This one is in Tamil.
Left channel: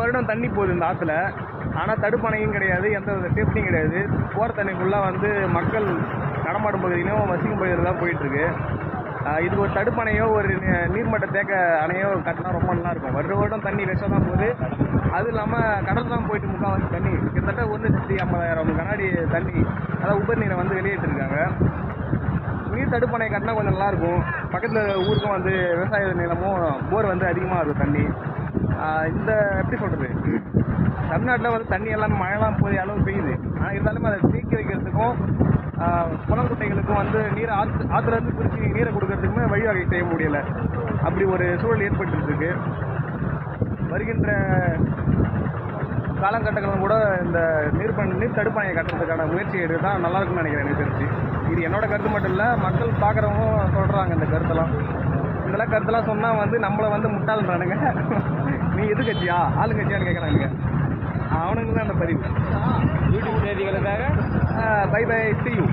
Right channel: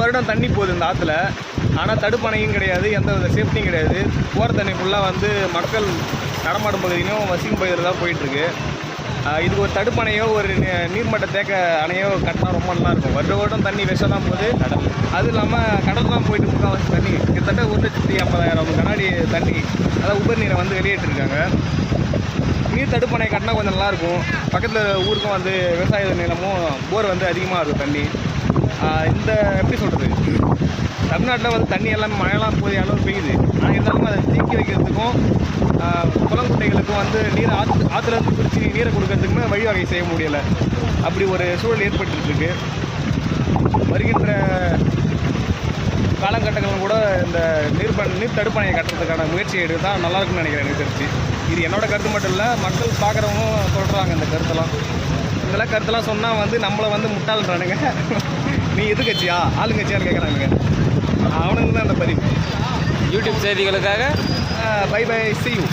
வருடம் தண்ணி போகுது இந்த ஆற்றுல. ஆனால் தடுப்பணையும் கிடையாது, எந்த வித சேஃப்டியும் கிடையாது. போகிற தண்ணி ஃபுல்லாக வந்து மக்கள் நடமாடும் பகுதியிலையும் வசிக்கும் பகுதியில் தான் போயிட்டுருக்கு. இதுக்கு ஒரு தடுப்பணையோ ஒரு நீர்மட்ட தேக்க அணையோ கட்டினா ரொம்ப நல்லாயிருக்கும். வருடம் தண்ணி வேஸ்ட்டாக தான் போகுது. அதுவும் இல்லாமல் கடல் தான் போயிட்டு முக்கால்வாசி தண்ணி கிட்டத்தட்ட 1,50,000 கண்ணாடி தண்ணி, அதாவது உபரி நீரை வந்து வெளியேற்றிருக்காங்க. நீர் தடுப்பணை கட்டினா கொஞ்சம் நல்லாயிருக்கும். பக்கத்தில் ஊருக்கும் வந்து விவசாய நிலமும் போர் வந்து அதிகமாக இருக்கும் தண்ணி. இந்த எப்படி சொல்கிறது, தமிழ்நாட்டில் வந்து தண்ணி எல்லாம் மழையெல்லாம் போய் அளவு பெய்யுது. ஆனால் இருந்தாலும் அதை தேக்கி வைக்கிறதுக்கும் குளங்குட்டைகளுக்கும் வந்து நீரை ஆற்றுலேருந்து பிரித்து நீரை கொடுக்கறதுக்குமே வழிவகை செய்ய முடியலை. அப்படி ஒரு சூழல் ஏற்பட்டுருக்கு. வருகின்ற காலகட்டங்களும் கூட இந்த நீர் தடுப்பணையை கட்டுறதுக்கான முயற்சி எடுத்து தான் நல்லாயிருக்குன்னு நினைக்கிறேன். எனக்கு தெரிஞ்சு இது என்னோடய கருத்து மட்டும் இல்லை, மக்கள் பார்க்குறவங்க சொல்கிறாங்க இந்த கருத்தெல்லாம். இதெல்லாம் கருத்தெல்லாம் சொன்னால் வந்து நம்மளை வந்து முட்டாள்ன்றானுங்க. நீ எதிர்கட்சியா ஆளுங்கட்சியான்னு கேட்குறானுங்க. அவனுக்கு தான் அந்த பதிவு. யூடியூப் செய்திகளுக்காக பை பை, see you.